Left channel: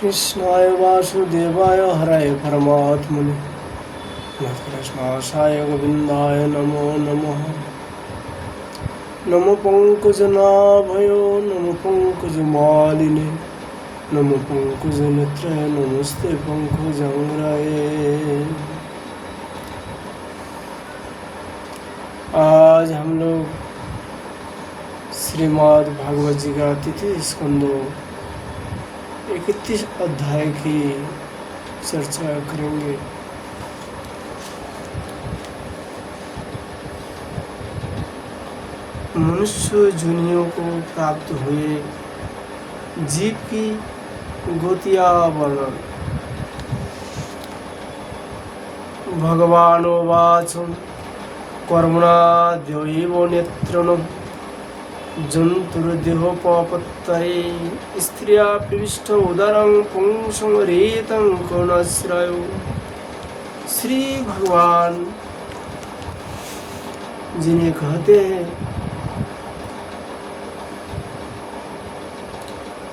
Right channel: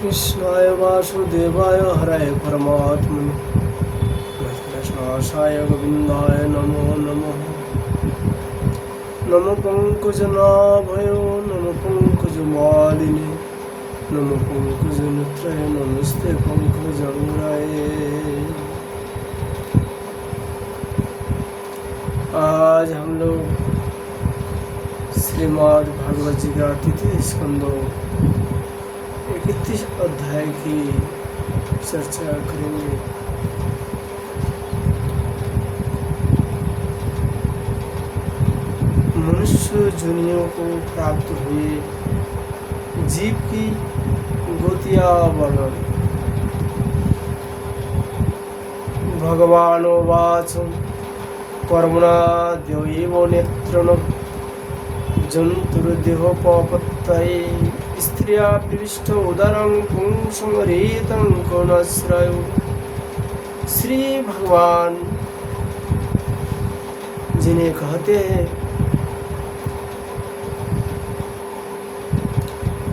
कृष्णाय वासुदेवाय हराय परमात्मने कृष्णाशाय गोविंदाय नमो नमः। नमो पंकजनाभयो नमो पंकजमालिने नमो पंकजनेत्राय नमस्ते पंकजांग्राय। आज हम लोग श्रीमद् भागवत जी का तृतीय स्कंदों 31 अध्याय की चर्चा करेंगे। मनुष्य जुनियों को प्राप्त हुए जीव की गोतिया वर्णन। भगवानोवाच कर्मणाद्यैव नेत्रणं जन्तुर्देहोपपत्तये स्त्रिया प्रविष्ट उदरं पुंसमरेतं करुणाश्रयो। श्री भगवान जिन्हें कहते हैं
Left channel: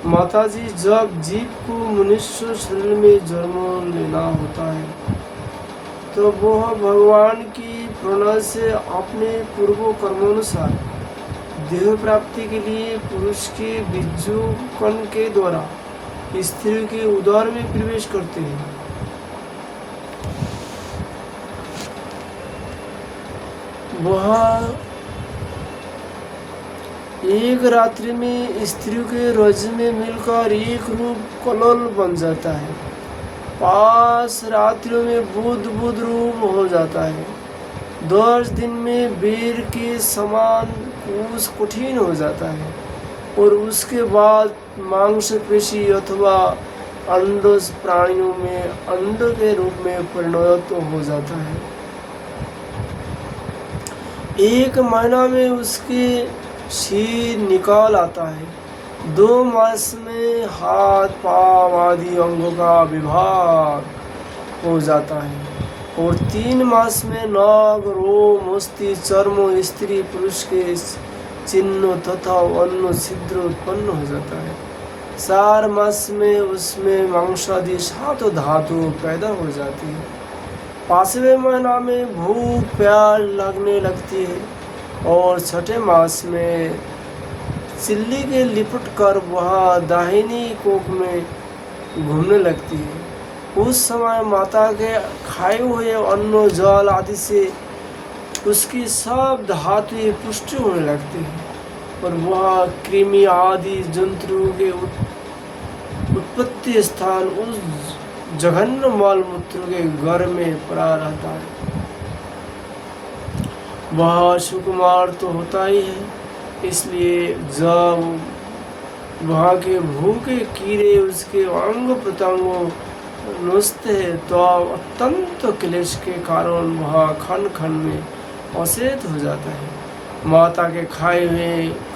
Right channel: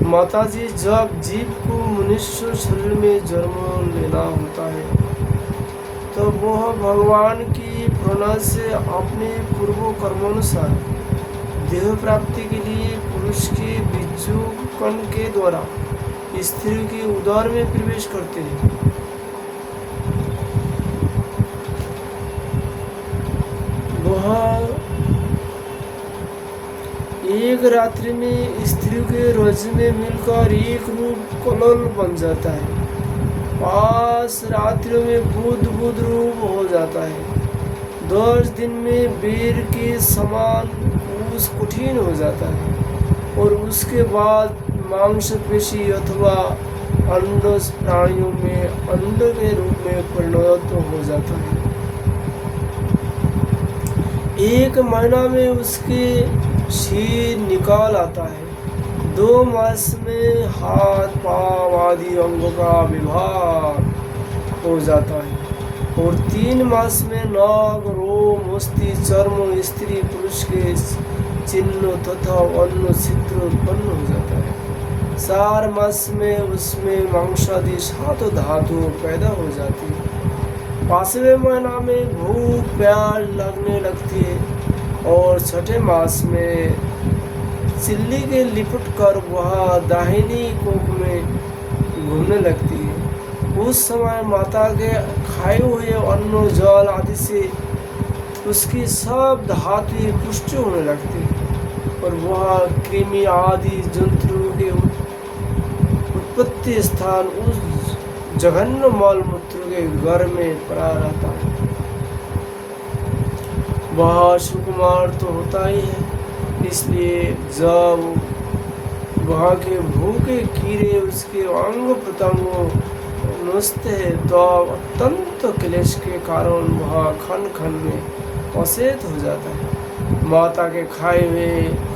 माताजी, जब जीव को मनुष्य शरीर में जन्म लेना होता है तब वह भगवान की प्रेरणा से अपने पूर्व कर्मानुसार देह प्राप्ति के लिए पुरुष की बीजू कण के द्वारा स्त्री के उदर में प्रवेश करते हैं। वह एक रात्रि में स्त्री के रज में मिलकर एक रूप कलल बन जाता है। 5 रात्रियों में बुध रूप हो जाता है। 10 दिन में वीर के समान कुश कठिन हो जाता है और उसके बाद मांसपेशी अथवा अंडज प्राणियों में अंड के रूप में परिणत हो जाता है। 1 महीना में उसके सिर निकाल आता है। 2 मास में हाथ पांव आदि अंगों का विभाग हो जाता है और 3 मास में नाग रोम अस्थि चर्म स्त्री पुरुष के चिन्ह तथा अन्य छिद्र उत्पन्न हो जाता है। 4 मास में उसमें मांसादि 7 धातु पैदा हो जाती है। 5वें महीना में भूख प्यास लगने लगती है और 6ठे मास में चिल्ली के लिपट कर वह दाहिनी कोख में घूमने लगती है। उस समय माता के खाए हुए अन्न जल आदि से उसकी सब धातुएं पुष्टि होने लगती है और वह कृमि आदि जंतुओं के उत्पत्ति स्थान उस जघन्य मल मूत्र के गर्भ में पड़ा रहता है। वह सुकुमार तो होता ही है, इसलिए जब वहाँ के भूखे कीड़े उसके अंग प्रत्यंगों नोचते हैं तो अत्यंत क्लेश के कारण वह खन खन में अचेत हो जाता है। माता के खाए हुए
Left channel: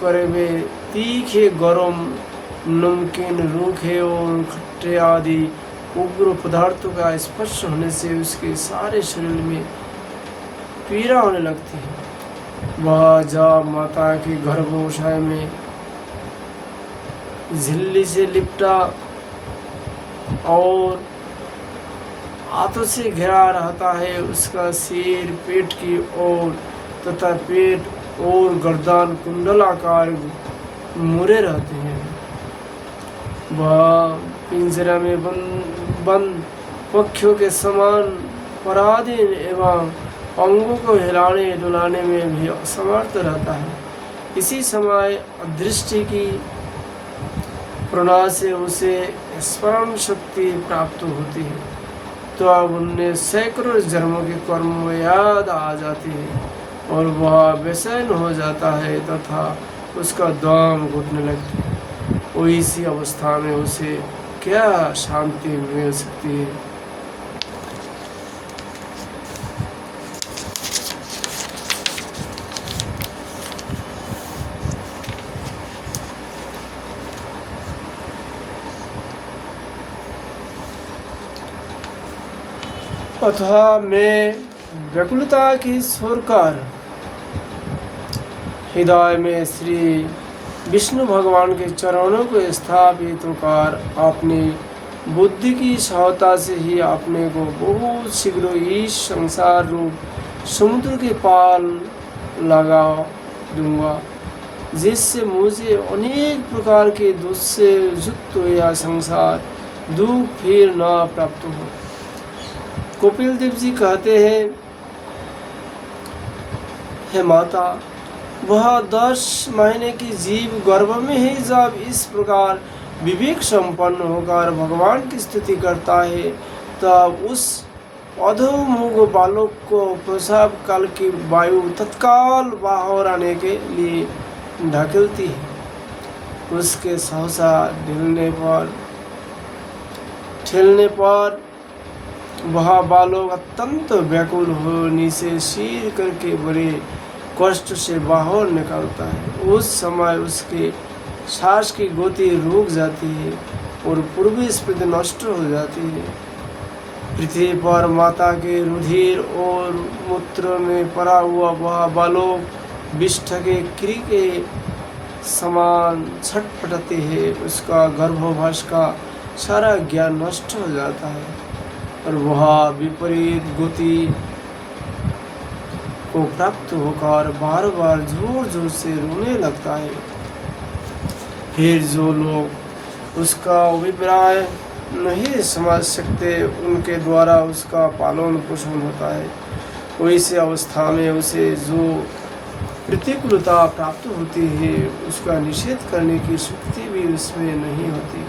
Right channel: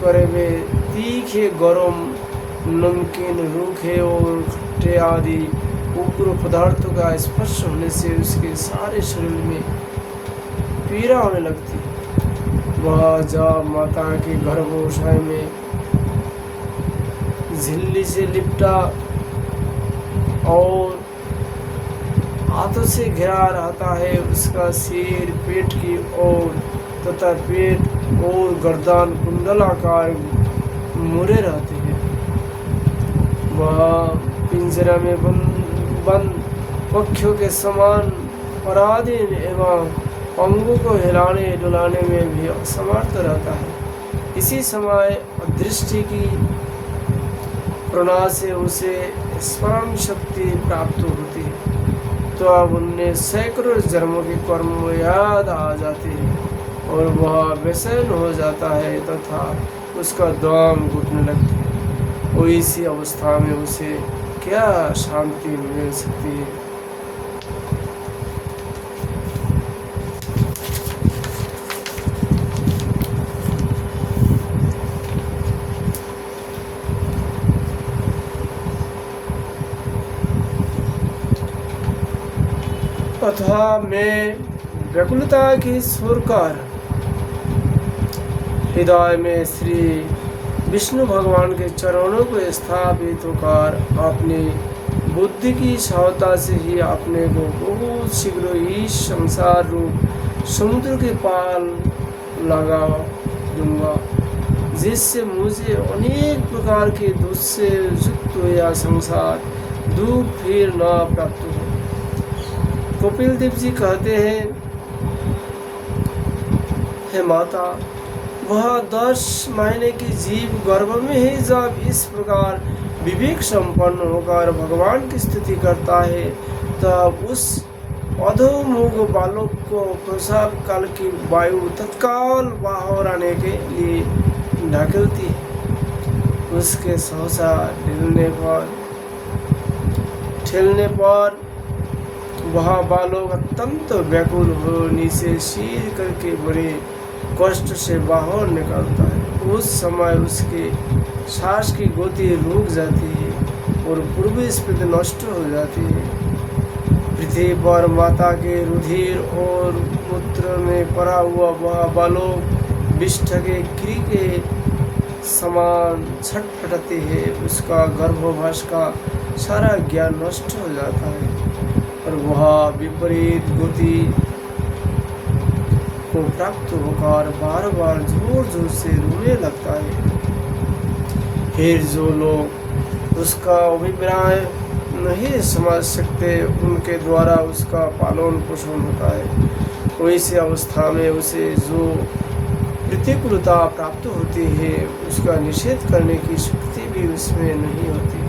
करे हुए तीखे गरम नमकीन रूखे और खट्टे आदि उग्र पदार्थों का स्पर्श होने से उसके सारे शरीर में पीड़ा होने लगती है। वह जब माता के गर्भाशय में झिल्ली से लिपटा और हाथों से घिरा रहता है, उसका सिर पेट की ओर तथा पेट और गर्दन कुंडलाकार मुड़े रहते हैं। वह पिंजरा में बंद पक्षियों के समान पराधीन एवं अंगों को हिलाने डुलाने में भी असमर्थ रहता है। इसी समय अदृष्टि की प्रेरणा से उसे स्मरण शक्ति प्राप्त होती है तो अब उनमें सैकड़ों जन्मों के कर्म याद आ जाते हैं और वह बेचैन हो जाता है तथा उसका दम घुटने लगती है। वो इसी अवस्था में उसे क्या शांति मिल सकती है। अथवा मैं व्याकुलता की स्वर कर हृदय में श्री विष्णु भगवान के चरणों को स्थापित होकर अपनी बुद्धि की सहायता से ही अपने को बहुत शीघ्र इस संसार रूप समुद्र के पार लगा दूंगा, जिससे मुझे अनेक प्रकार के दुख से युक्त यह संसार दुख फिर न प्राप्त हो। कपिल देव जी कहते हैं, हे माता, वह 10 महीने की जीव गर्भ में ही जब इस प्रकार विवेक संपन्न होकर भगवान की स्तुति करता है, तब उस अधोमुख बालक को प्रसव काल की वायु तत्काल बाहर आने के लिए ढकेलती है। उसके सहसा ठेलने पर वह बालक अत्यंत व्याकुल होने से सिर करके बड़े कष्ट से बाहर निकलता है। उस समय उसके सांस की गति रुक जाती है और पूर्वी स्फीति नष्ट हो जाती है। पृथ्वी पर माता के रुधिर और मूत्र में पड़ा हुआ वह बालक विष्ठ के क्री के समान छटपटाते है। उसका गर्भवास का सारा ज्ञान नष्ट हो जाता है और वह विपरीत गति को प्राप्त होकर बार बार जोर जोर से रोने लगता है। फिर जो लोग उसका अभिप्राय नहीं समझ सकते, उनके द्वारा उसका पालन पोषण होता है। वैसी अवस्था में उसे जो प्रतिकूलता प्राप्त होती है, उसका निषेध करने की शक्ति भी उसमें नहीं होती।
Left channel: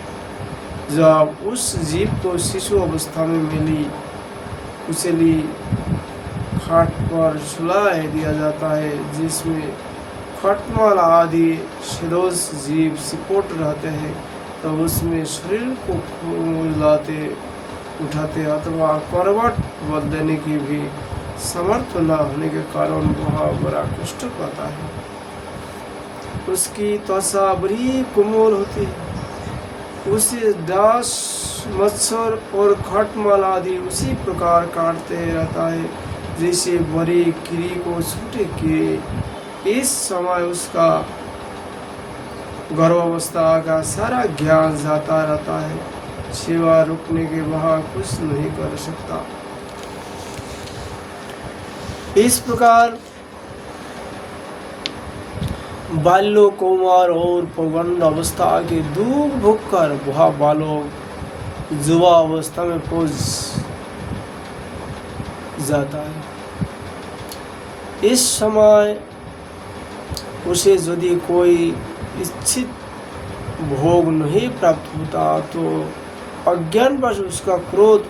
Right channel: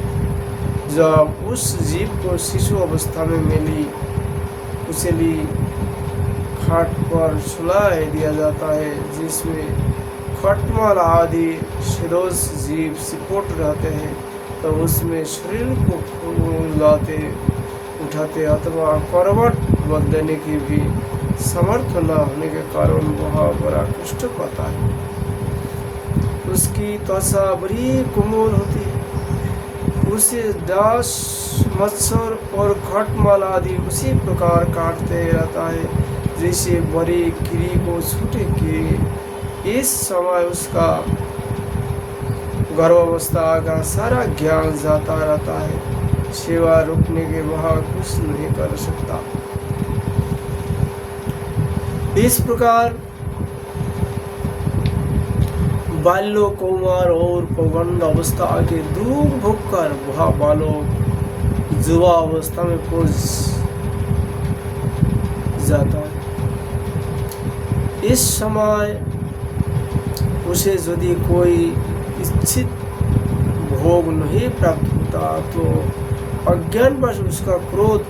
जब उस जीव को शिशु अवस्था में मिली उछली खाट पर सुला दिया जाता है, जिसमें खटमल आदि शिरोज जीव सिकोट रहते हैं, तो उसमें शरीर को हिलाते उठाते अथवा करवट बदलने की भी समर्थ न होने के कारण वह बड़ा कष्ट पाता है। उसकी त्वचा बड़ी कोमल होती है, उसे डास मच्छर और खटमल आदि उसी प्रकार काटते रहता है जैसे बड़ी कीड़ी को छूटे कीड़ी। इस समय उसका गर्भावस्था का सारा ज्ञान जाता रहता है। सेवा रुकने के वह कुछ नहीं कर सकता। इस प्रकार बाल्य, कौमार और पौगंड अवस्था के दुख भोग कर वह बालक युवा अवस्था में पहुंच जाता है। इस समय उसे यदि कोई इच्छित भोग नहीं प्राप्त होता तो अज्ञानवश उसका क्रोध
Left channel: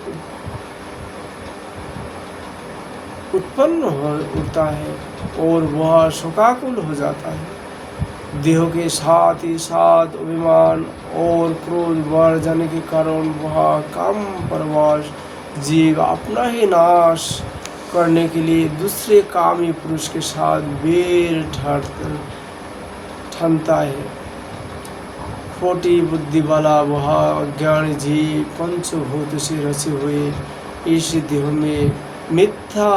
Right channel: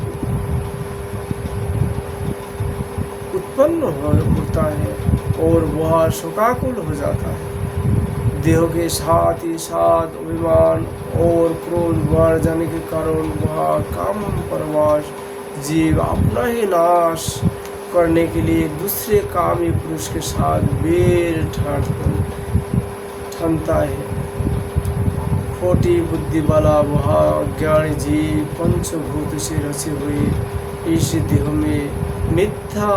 उत्पन्न होता है और वह शोकाकुल हो जाता है। देह के साथ ही साथ अभिमान और क्रोध बढ़ जाने के कारण वह काम परवास जीव अपना ही नाश करने के लिए दूसरे कामी पुरुष के साथ बेर ठानता है। खोटी बुद्धि वाला वह अज्ञानी जीव पंचभूत से रचे हुए इस देह में मिथ्या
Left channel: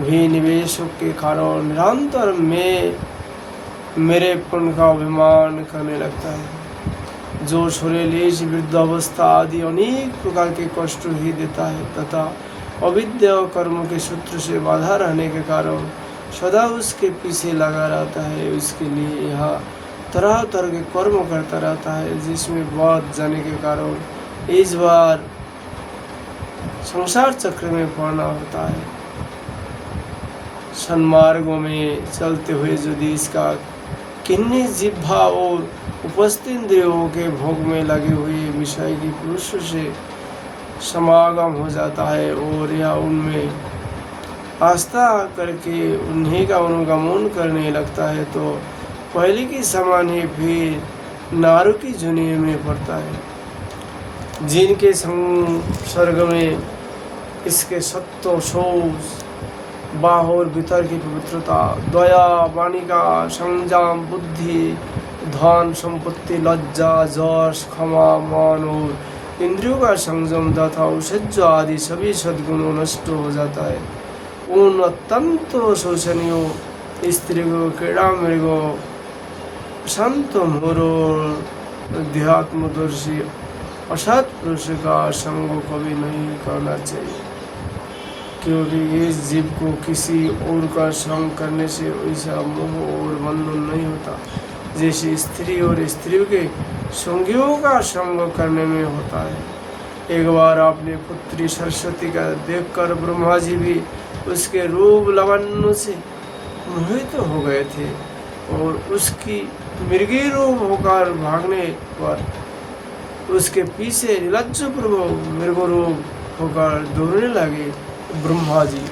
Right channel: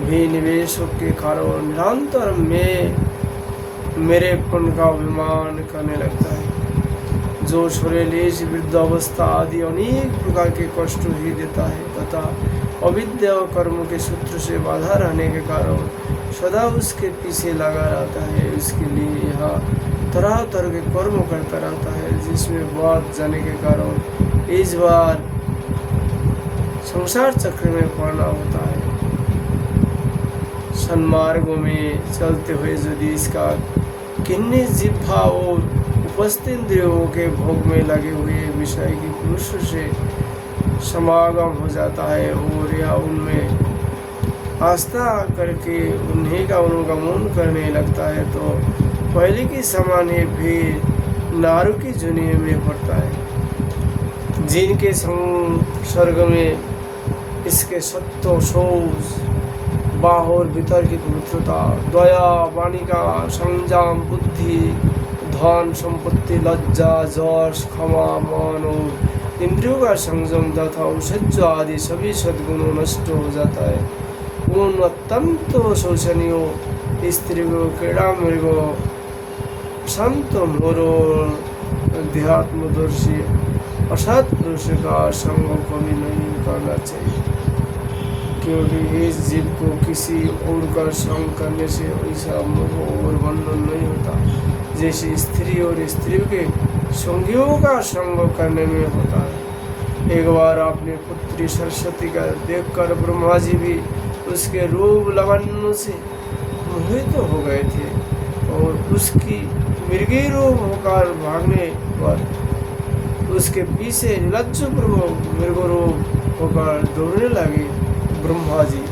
भी निवेशों के कारण निरंतर में मेरेपन का अभिमान करने लगता है, जो शरीर वृद्ध अवस्था आदि अनेक प्रकार के कष्ट ही देता है तथा अविद्या कर्म के सूत्र से बाधा रहने के कारण सदा उसके पीछे लगा रहता है। उसके लिए यह तरह तरह के कर्म करता रहता है, जिसमें बात जाने के कारण इस बार संसार चक्र में पड़ना होता है। सन्मार्गों में चलते हुए यदि इसका किन्नी जिह्वा और उपस्थित इंद्रियों के भोग में लगे हुए विषय की पुरुषों से समागम हो जाता है और या उनमें आस्था करके उन्हीं का अनुगमन करने लगता है, तो पहले की समान ही फिर नारों की जुनी में पड़ता है। जिनके संसर्ग में इसके सत्व शोष बाहर भीतर की पवित्रता, दया, वाणी का संयम, बुद्धि, धन संपत्ति, लज्जा, जश, क्षमा, मान और इंद्रियों का संयम तथा औषध आदि सभी सद्गुणों नष्ट हो जाता है। उन अत्यंत शोषणीय स्त्रियों, क्रीड़ा मृगों, संत मोरो, अध्यात्मदर्शी असत पुरुष का संग कभी नहीं करना चाहिए, क्योंकि इस जीव को किसी और का संग करने से ऐसा मोह और बंधन नहीं होता जैसे स्त्री और स्त्रियों के संगियों का संग करने में होता है। एक बार अपनी पुत्री सरस्वती का देखकर ब्रह्मा जी भी उसके रूप लावण्य से मोहित हो गए थे और उसकी मृगीय रूप होकर भागने पर उसके पीछे निर्लज्जपूर्वक मृग रूप होकर दौड़ने लगे। ब्रह्मा जी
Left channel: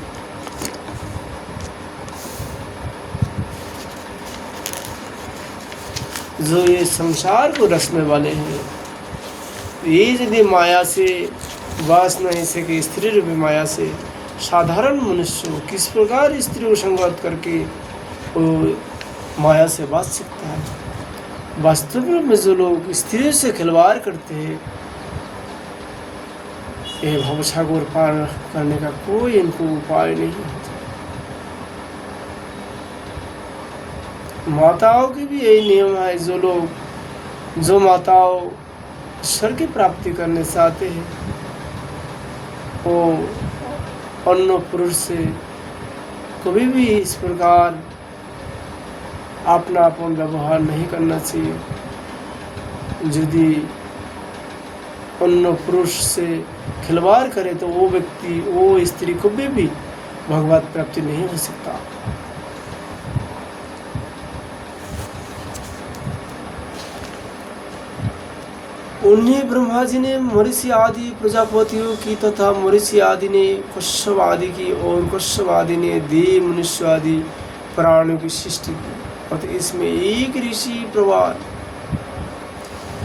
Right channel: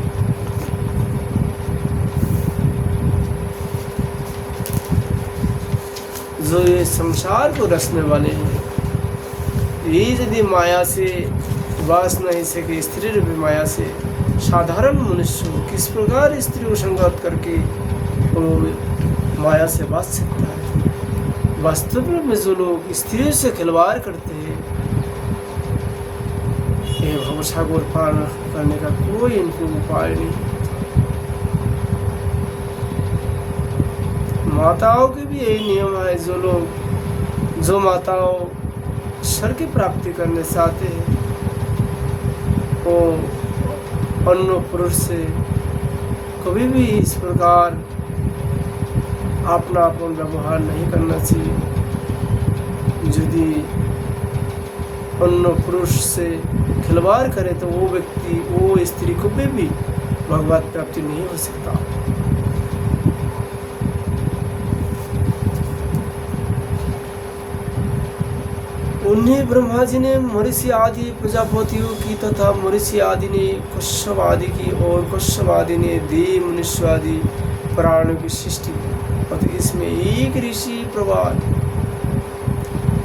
जो ये संसार को रचने वाले हैं, ये यदि माया से वास नहीं सके, स्त्री रूपी माया से, साधारण मनुष्य किस प्रकार स्त्री को संगत करके वो माया से बच सकता है। वास्तव में जो लोग स्त्रियों से खिलवाड़ करते हैं, ये भवसागर पार करने का कोई इनको उपाय नहीं। माताओं के भी यही नियम है। जो माताओं स्वर्ग की प्राप्ति करने चाहते हैं, वो अन्य पुरुष से कभी भी इस प्रकार अपनापन व्यवहार नहीं करना चाहिए। यदि अन्य पुरुष से खिलवाड़ करे तो वो व्यक्ति, वो स्त्री कभी भी भगवत प्राप्ति नहीं हो सकता। उन्हीं ब्रह्मा जी ने मरीचि आदि प्रजापतियों की तथा मरीचि आदि ने कश्यप आदि की और कश्यप आदि ने देव मनुष्य आदि प्राणियों की सृष्टि की। और इसमें एक ऋषि प्रवाद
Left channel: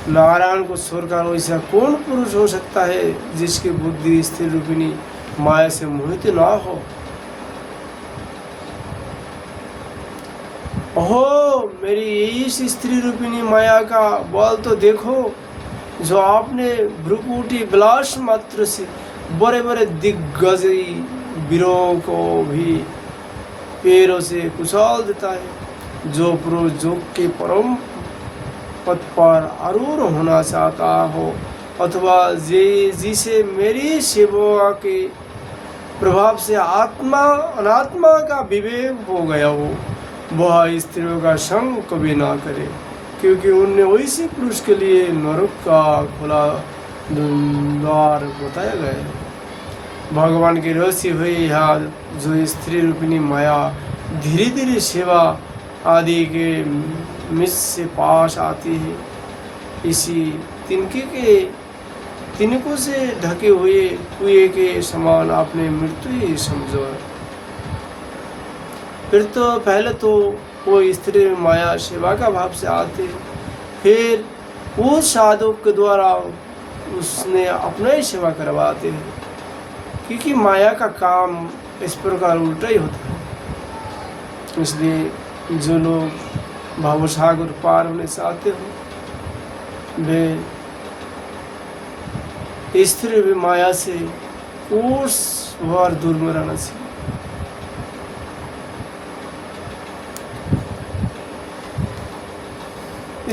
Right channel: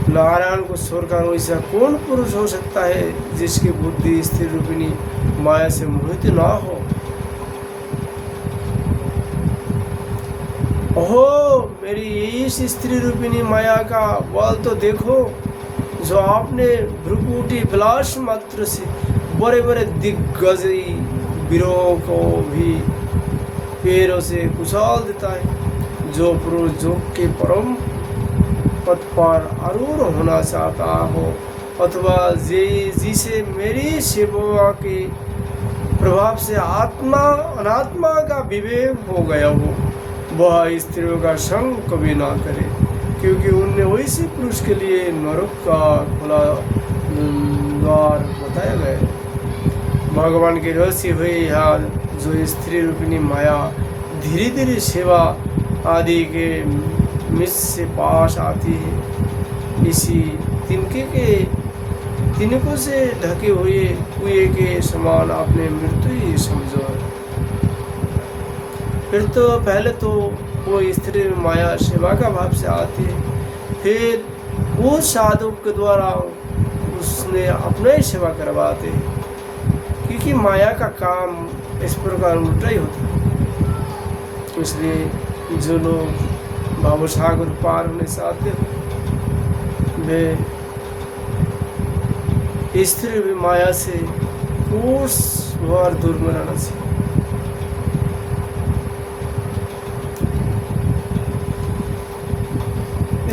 नारायण को छोड़कर वैसा कौन पुरुष हो सकता है जिसकी बुद्धि स्थिर रूपिणी माया से मोहित ना हो। ओहो, मेरी इस स्त्री रूपिणी माया का बल तो देखो, जो आपने भ्रुकुटी विलास मात्र से बड़े बड़े दिग्गजई वीरों को भी पैरों से कुचल देता है। जो पुरुष योग के परम पद पर आरूढ़ होना चाहता हो अथवा जिसे मेरी सेवा के प्रभाव से आत्मा अनात्मा का विवेक हो गया हो, वह स्त्रियों का संग कभी ना करे, क्योंकि उनने वैसे पुरुष के लिए नरक का खुला द्वार बताया गया। भगवान के रहस्य हुए यहाँ जो स्त्री रूपिणी माया धीरे धीरे सेवा आदि के मिस से पास आती है, इसी तिनकों से ढके हुए कुएं के समान आपने मृत्यु ही समझो है। फिर तो पहले तो वो स्त्री माया सेवा का भाव से आते, फिर उस साधक के द्वारा उसने अपना ही सेवा करवाते, क्योंकि माया का काम इस प्रकार उल्टा ही होता है। इसलिए जो लोग भावसागर पार होने चाहते वे स्त्री भी माया से उस बार दूर में रहना चाहिए।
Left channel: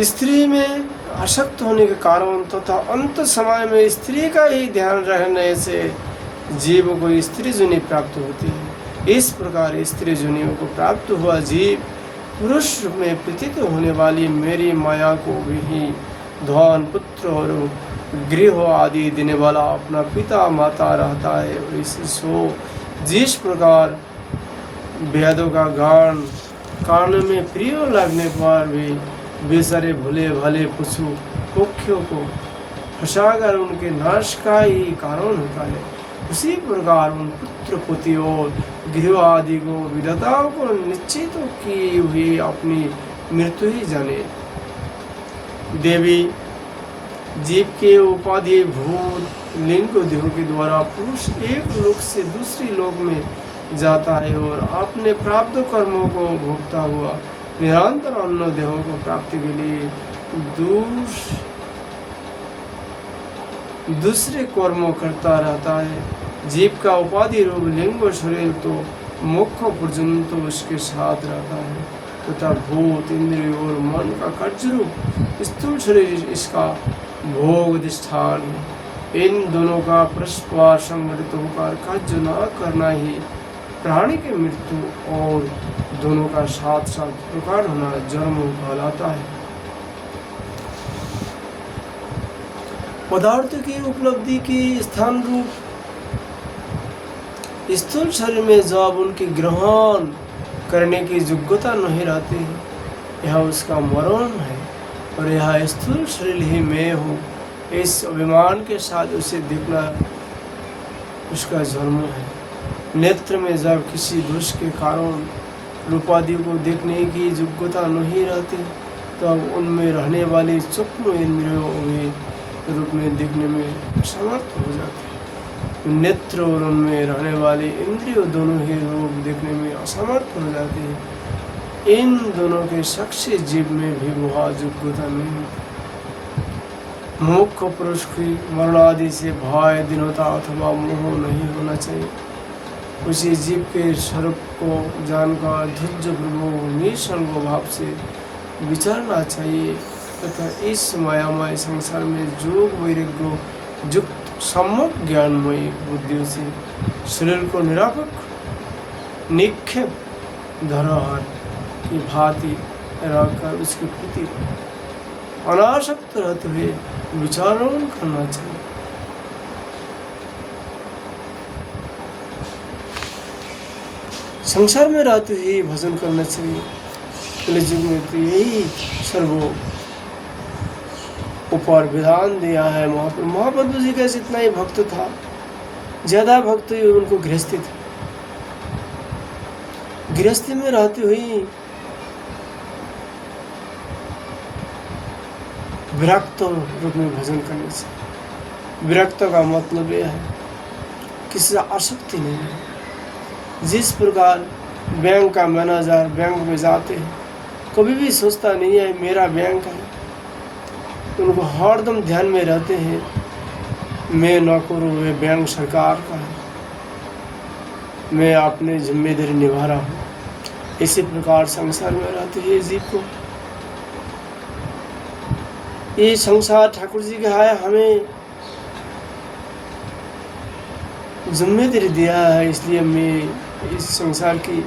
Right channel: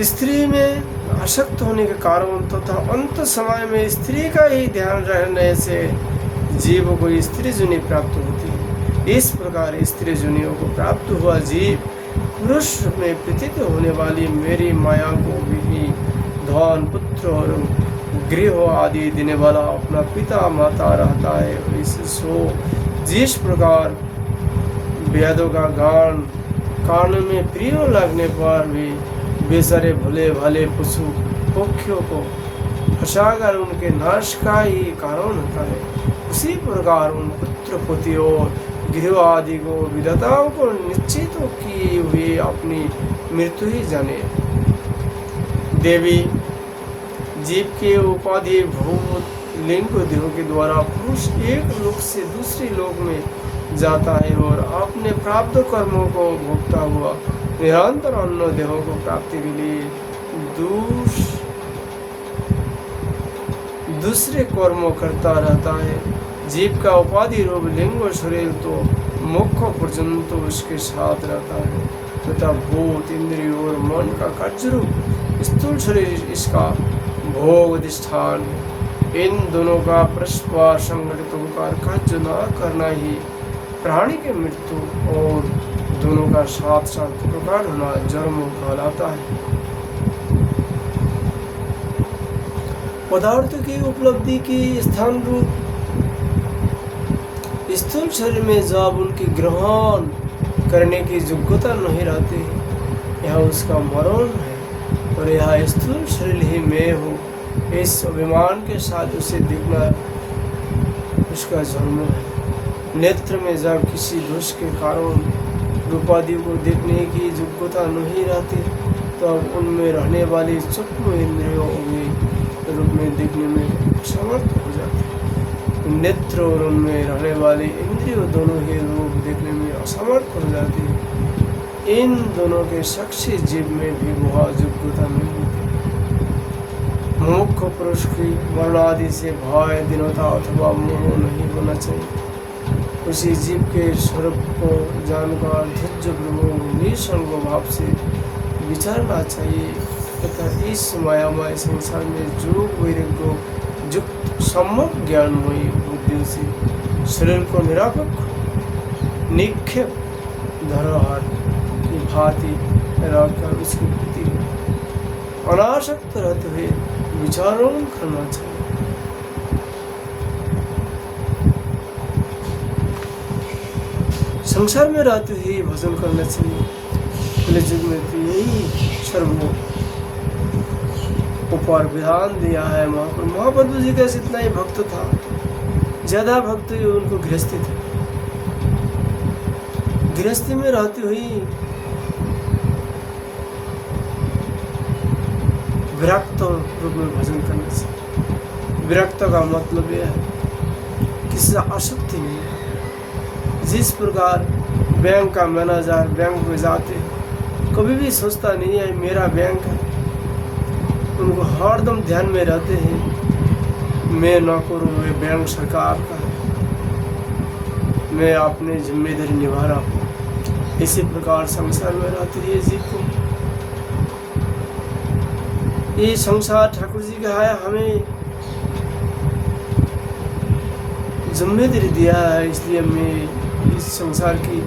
स्त्री में आसक्त होने के कारण तथा अंत समय में स्त्री का ही ध्यान रहने से जीव को स्त्री जुनी प्राप्त होती है। इस प्रकार स्त्री जुनियों को प्राप्त हुआ जीव पुरुष में प्रतीत होने वाली मेरी माया को भी धन पुत्र और गृह आदि देने वाला अपना पिता माता रहता है। इसी सो जिस प्रकार वेदों का गान कान में प्रिय लगने पर भी बेचारे भले भले पशु पक्षियों को फंसाकर उनके नाश का ही कारण होता है, उसी प्रकार उन पुत्र पुत्री और गृह आदि को विधाताओं को निश्चित की हुई अपनी मृत्यु ही जाने। देवी जीव के उपाधि भूत लिंग देह के द्वारा पुरुष एक लोक से दूसरे लोक में जाता है और अपने प्राप्त कर्मों को भोगता हुआ निरंतर अन्य देहों को प्राप्ति के लिए दूसरे कर्मों करता रहता है। जीव का उपाधि रूप लिंग और शरीर तो मुख्य पर्यंत तो उसके साथ रहता है तथा भूत इंद्रिय और मन का कार्य रूप स्थूल शरीर इसका भोग अधिष्ठान है। इन दोनों का परस्पर संगठित होकर कार्य न करना ही प्राणी की मृत्यु और दोनों का साथ साथ प्रकट होना जन्म कहलाता है। पदार्थ की उपलब्धि की स्थान रूप स्थूल शरीर में जब उनकी ग्रहण करने की योग्यता नहीं रहती है, यह उसका मरण है और यह स्थूल शरीर ही मैं हूँ, इस अभिमान के साथ उसे देखना उसका जन्म है। नेत्र में जब किसी दोष के कारण रूपादि को देखने की योग्यता नहीं रहती, तब उनमें रहने वाली सूक्ष्म इंद्रियों में रूप में देखने में समर्थ हो जाते हैं। नेत्र और उनमें रहने वाली इंद्रियों दोनों ही रूप देखने में असमर्थ हो जाती है। इन दोनों के साक्षी जीव में भी वह योग्यता नहीं होती। मुख्य पुरुष की मरण आदि से भय, दीनता अथवा मोह नहीं होना चाहिए। उसी जीव के स्वरूप को जानकर धैर्यपूर्वक निसंग भाव से विचारना चाहिए तथा इस मायामय संसार में योग वैराग्य युक्त सम्यक ज्ञानमयी बुद्धि से शरीर को निरापक निक्षेप धरोहर की भांति रखकर उसकी प्रति अनासक्त रहते हुए विचारण करना चाहिए। संसार में रहते हुए भजन करना चाहिए। कलियुग में तो यही सर्वो ऊपर विधान दिया है। महाप्रभु जी का इतना ही भक्त था, ज्यादा भक्त उनको गृहस्थी थे। गृहस्थी में रहते हुए विरक्त रूप में भजन करने से, विरक्त का मतलब यह है किसी से आसक्ति नहीं है। जिस प्रकार बैंक का मैनेजर बैंक में जाते हैं, कभी भी सोचता नहीं है मेरा बैंक है, उनको हरदम ध्यान में रहते हैं मैं नौकर हूँ, वे बैंक सरकार का है, मैं अपनी जिम्मेदारी निभा रहा हूँ। इसी प्रकार संसार में रहते हैं जीव को। ये संसार ठाकुर जी का है, हमें जिम्मेदारी दिया है, इसलिए मैं इस संसार की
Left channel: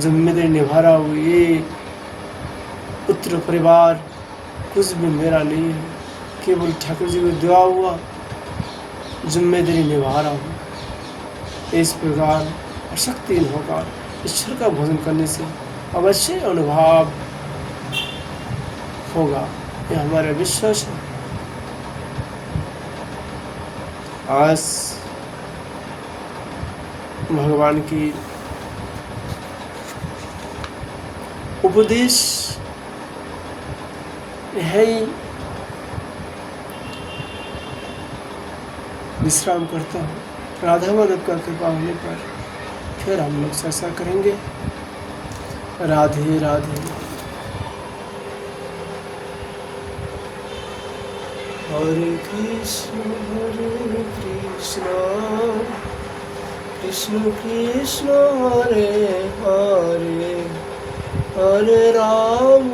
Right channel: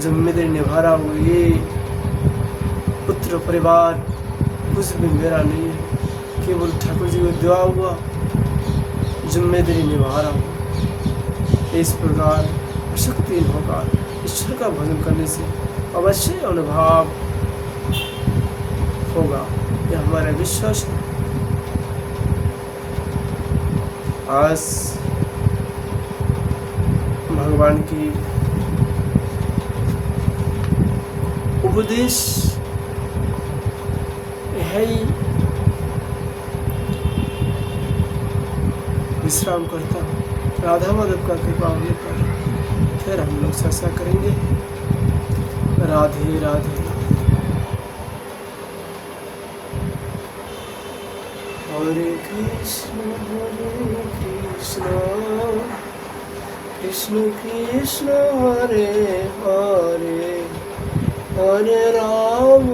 जिम्मेदारी निभा रहा हूँ। ये पुत्र परिवार कुछ भी मेरा नहीं है, केवल ठाकुर जी को दिया हुआ जिम्मेदारी निभा रहा हूँ। इस प्रकार शक्ति होकर ईश्वर का भजन करने से अवश्य अनुभव होगा, यह हमारा विश्वास है। आज भगवान की उपदेश है ही विश्राम करता हूँ। राधा माधव का कृपा होने पर फिर हम लोग चर्चा करेंगे। राधे राधे। हरे कृष्ण कृष्ण कृष्ण हरे हरे, हरे राम